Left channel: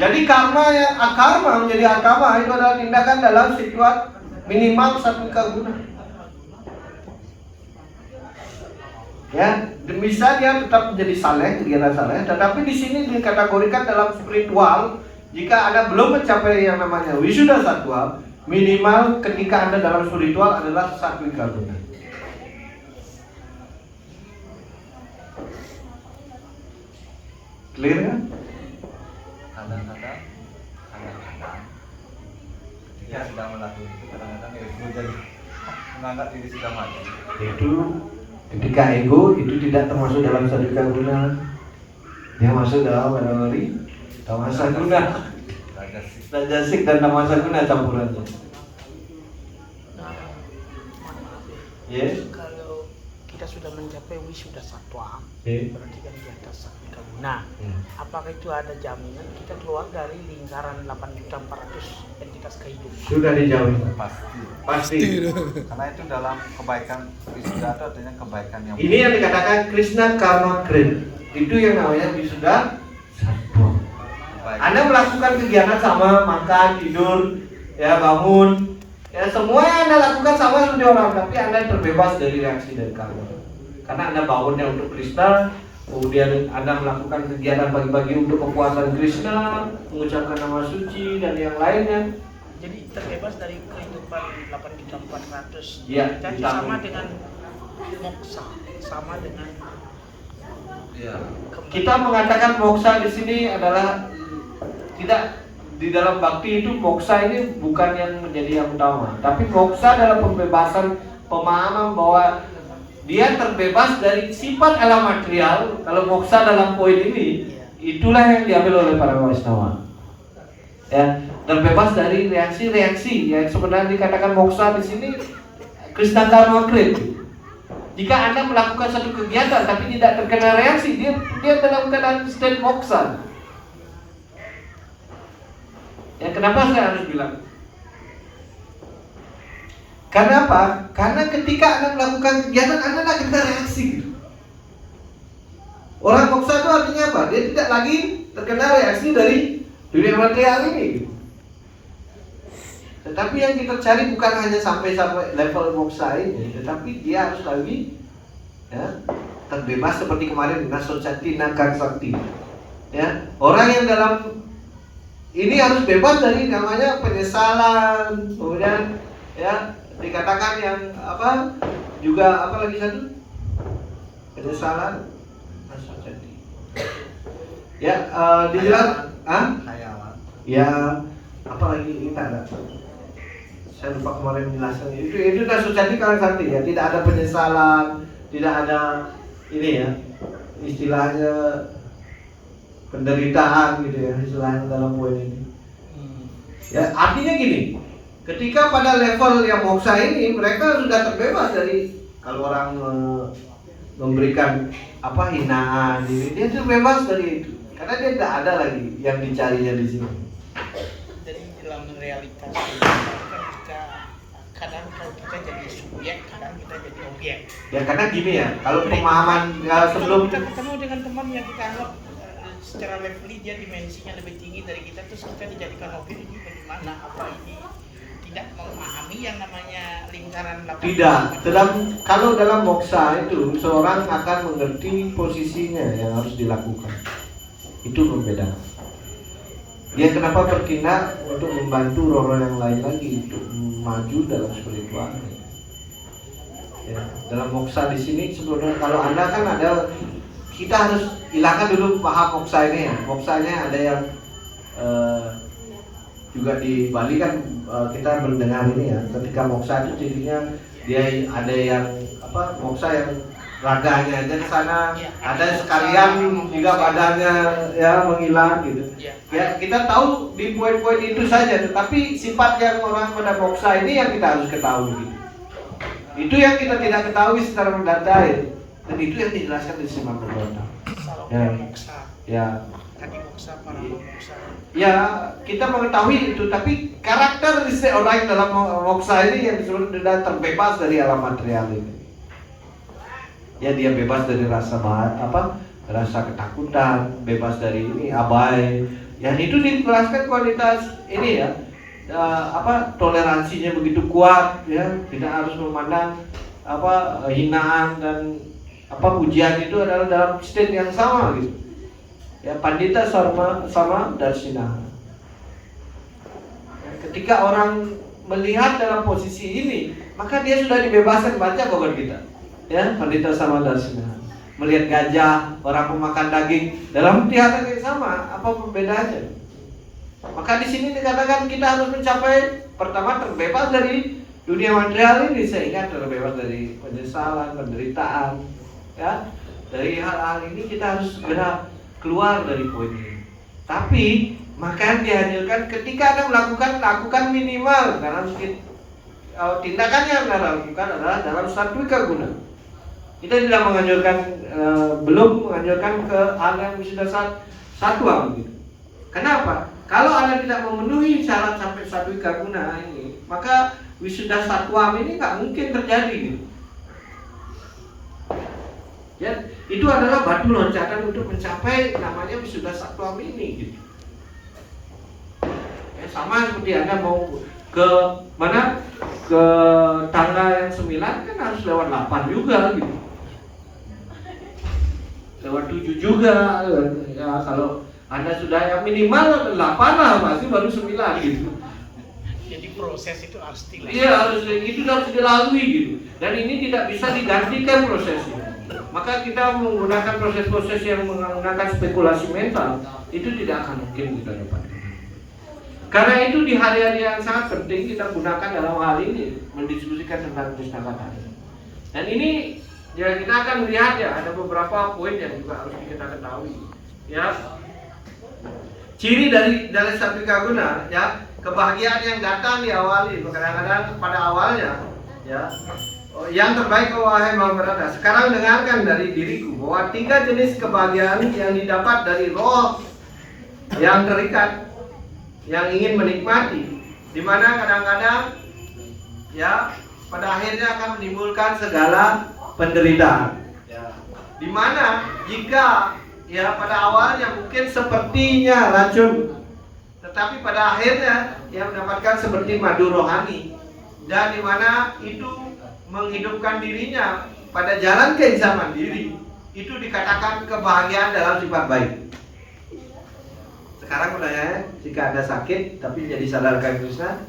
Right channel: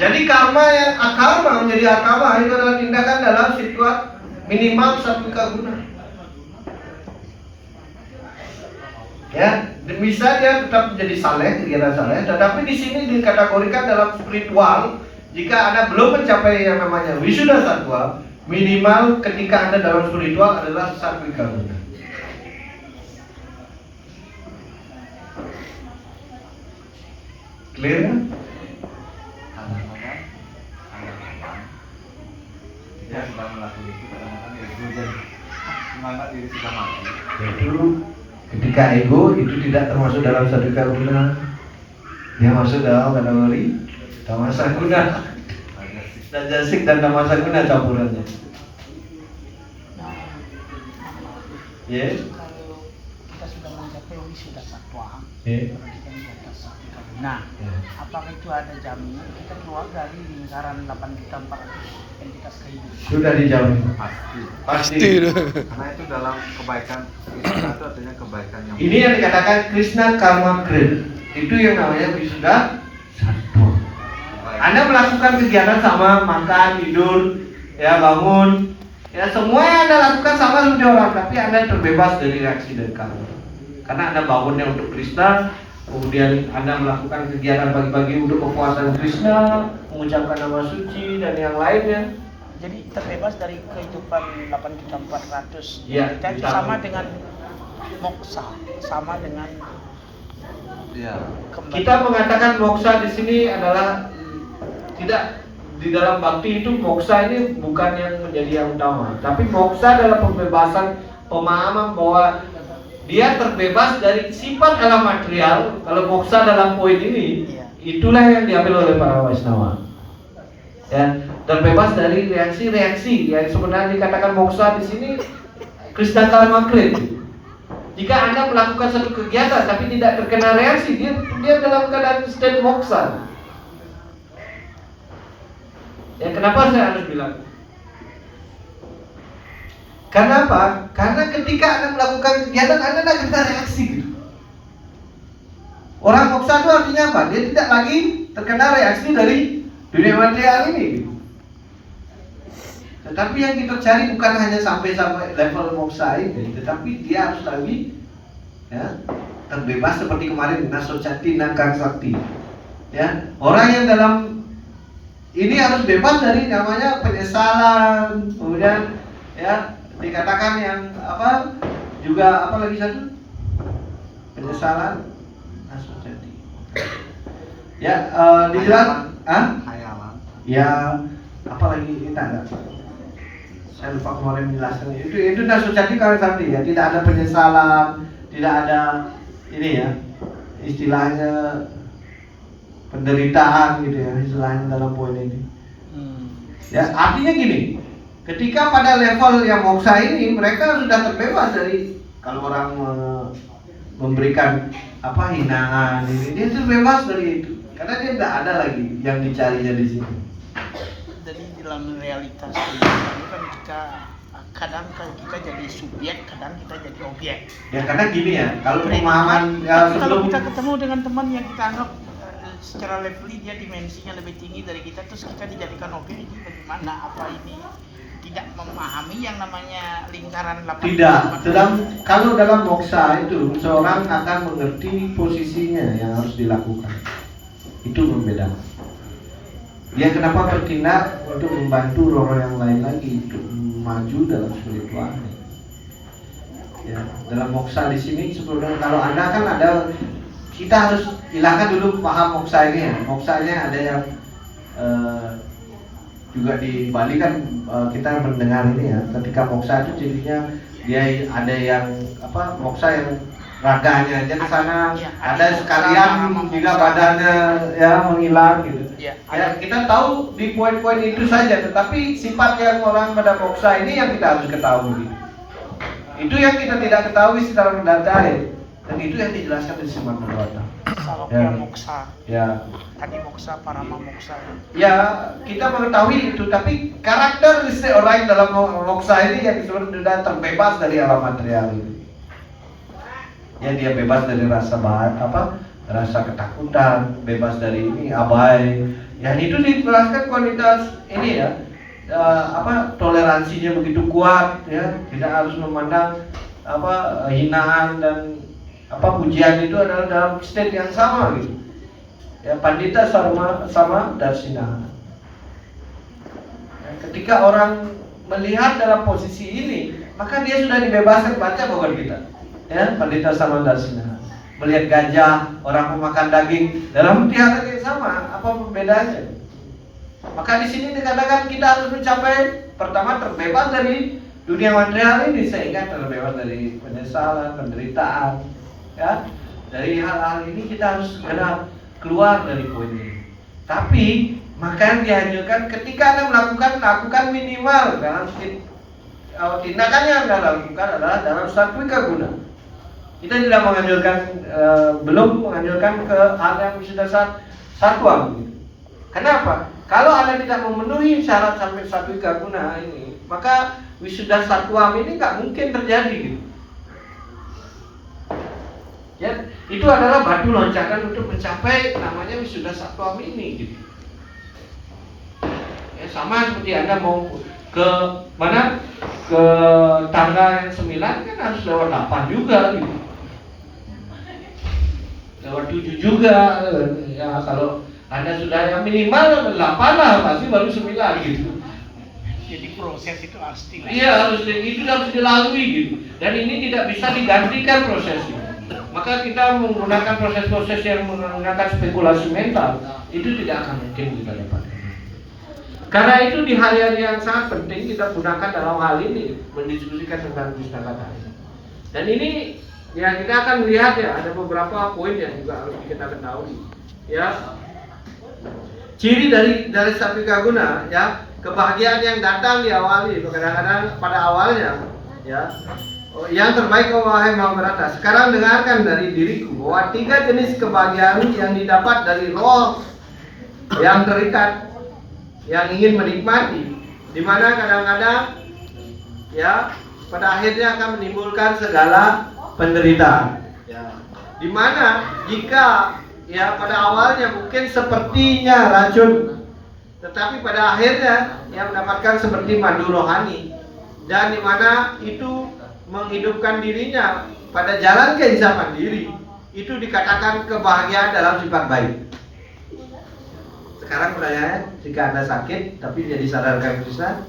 Jadi karma yang akarma menjadi akarma itu adalah tindakan dalam situasi minimal satu guna. Ya, bisa dia tetap menjadi saleh, kegiatan saleh, tetapi di sini dikategorikan dalam spiritual jika Anda belum mencapai yang namanya wisuda satwa, minimal ketika Anda dalam spiritual adalah satu guna. Clear? Kadang-kadang kita sedang melakukan itu, kadang-kadang ego jadi menganggap diri sudah mati. Itu ketika ego itu tidak termasuk dalam satu guna, dia masuk dalam kategori tamasa guna, rajasik dan tamasa guna campurannya. Yes. Kalau kita sudah mencapai wisuda satwa, Yes. berarti kan di atas satu guna. Apakah itu ada jaminan kita keluar dari lingkaran 8.400 entitas kehidupan? Sudah dijawab. Pasti. Karena itu dalam kebaikan istilah itu artinya kebaikan yang Ini yang dikatakan Krishna Karma Grade. Itu yang namanya wisuda satwa. Anda melakukan kegiatan sama, makan, tidur, ya bangun, ya semua yang Anda lakukan sama seperti orang, tapi Anda terbebas dari reaksi dan karma. Karena Anda bangunnya untuk Krishna, kemudian Anda melakukan kegiatan pagi-pagi untuk kepuasan Krishna, mengucapkan nama suci dan yang lainnya. Jadi terbebas dari kehidupan 8.400. Iya, Kita ditambah. sama dengan moksa, sama dengan Iya. kembali. Kita mengatakan moksa di sini adalah tidak di dalam bakti itu moksa ini bukan yang menjadi yang utama, tapi moksa adalah pembebasan pemahaman bahwa dia terbebas dari sifat alam material. Kalau moksa dalam poin ini, itulah yang diambil oleh para Vaishnava. Ya, terbebas dari reaksi-reaksi yang sebenarnya dikatakan moksa di sini Krishna Karma Grade. Jika Anda melakukan satu kegiatan tapi tidak terkena reaksi, dia dalam keadaan state moksa. Ya, kenapa saya harus bilang? Karena apa? Karena ketika Anda melakukan kegiatan, Anda tidak kena reaksi gitu. Orang moksa itu artinya apa? Dia tidak lagi terkena reaksi dari dunia material ini gitu. Tetapi yang kita cari bukan hanya sampai level moksa ini, tetapi dia harus lagi ya, terbebas seperti kemarin nasocati nakang sakti. Ya, orang yang dalam ini harus bebas dari namanya penyesalan, kemudian ya dikatakan yang apa juga apa lagi satu penyesalan nasocati. Ya dijelaskan, Khayalan. ya apa lagi ini tak ada. Saya lupa kemarin menjelaskan itu nasocati kalau sakti ya, tidak ada penyesalan, tidak ada ini ya istilahnya penderitaan gitu ya istilahnya dalam poin ini. Ya artinya gini, ketika pada level yang moksa ini mereka sudah terbebas dari kalau orang memberikan apa hinaan, dia terbebas dari itu karena dia tidak ada lagi yang dicarinya di sini. Jadi dalam realitas kehidupan kan kita kadang kita jadi subjek, kadang kita jadi objek. Ya karena gini ya, kalau pemahaman Tapi kalau sebelum kita ketemu dengan teman yang kita anggap secara levelly dia dimensinya lebih tinggi dari kita, terus kita dijadikan objek, ini bagaimana? Apa ini tidak memahami yang namanya lingkaran 8? tidak, kalau dalam moksa itu seorang akan mengerti posisinya yang harus dilakukan. Itu membedakan. Dia kenapa bertindak untuk membantu roh yang lain lagi untuk maju dalam spiritualnya. Ya, dalam moksa di sini sebenarnya kalau Anda kan ada, kita harus hilangkan dulu paham moksa ini ya. Moksanya ada yang juga di Bali kan kita mendengar ini ya. Ketika moksa itu cirinya dia ada yang apa moksa yang raganya aja di sana, ada sekalian juga badannya ya menghilang gitu. Ya kita tahu di poin-poin itu saja, tetapi sifat yang orang pada moksa ini yang kita harus ketahui. Itu yang kita tidak ketahui secara mendasar, dan itu yang dijelaskan di Srimad Bhagavatam. Salokya moksa. Ya. Tadi moksa, parama moksa. Ya kita mengetahui itu, tapi karakteristik orang yang dalam moksa ini yang sebenarnya terbebas dari alam material ini. Ya dia bebas dari rasa rasa ketakutan, bebas dari ini abai, Ya itu dijelaskan kualitas ini ya, toleransinya begitu kuat ya, tidak harus memandang hinaan dan pujian itu adalah dalam state yang sama gitu. Ya, pandita sama darsina. Ya, ketika orang melihat dalam posisi ini, maka dia sudah dibebaskan. Baca bukan kita. Ya, pandita sama darsina. Melihat gajah, orang pemakan daging dalam tingkatan yang sama, apa perbedaannya? Maka di sini dikatakan kita harus mencapai pertama terbebas dari dunia material ini, sehingga terbebas dari penyesalan, penderitaan, ya. Dari hal-hal ini kita harus segera keluar dari poin ini. Tapi maka yang dianjurkan ketika Anda lakukan minimal dalam tindakan yang Anda lakukan adalah dalam satwika guna. Kita tidak menganjurkan, belum menganjurkan ke hal yang sudah satwa begitu. Kenapa? Kalau Anda tidak memenuhi syarat sampai satwika guna ini, maka wisuda satwam ini nggak mungkin terjadi gitu. Ya, itu adalah batu loncatan untuk mencapai namanya wisuda satwam ini gitu. Ya, sama seperti Anda mau ke mana? Ke tangga yang 9 kan harus lewat 8 juga gitu. Lewat 7 juga ya, kalau Anda sudah yang minimal 8 lah, pasti baru 9 gitu. Jadi proses itu harus dilalui. Iya, itu harus dilalui gitu. Dan ini tidak bisa digantikan prosesnya. Maka kita menggunakan proses-proses yang menggunakan spekulasi mental, itu tidak akan mungkin kita dapatkan. Karena itu di hari-hari yang sangat penting kita gunakan dalam hal ini, mendiskusikan tentang pustaka ini. Dan ini ya kita akan lihat ya, ada beberapa poin yang juga harus kita ketahui. Ya, ciri dari satwika guna ya, kebahagiaan yang datang diawali kadang-kadang pada awalnya ya, yang terbaik wahai Mahabharata. Sekarang dengarkan dari diriku bahwa 3 jenis kebahagiaan yang didapat dari roh yang terikat, yang ingin menikmati, di mana kadang-kadang ya pada akhirnya akan menimbulkan segala penderitaan. Ya. Di mana jika ya pada awalnya mungkin sepertinya racun, tetapi pada akhirnya yang mendapatkan seperti madu rohani, dan di mana itu menghidupkan dirinya pada jalan keinsafan diri, itu dikatakan kebahagiaan dalam sifat baik. Sekarang pertanyaannya, jika Anda sakit tapi jadi sadarkan Krishna,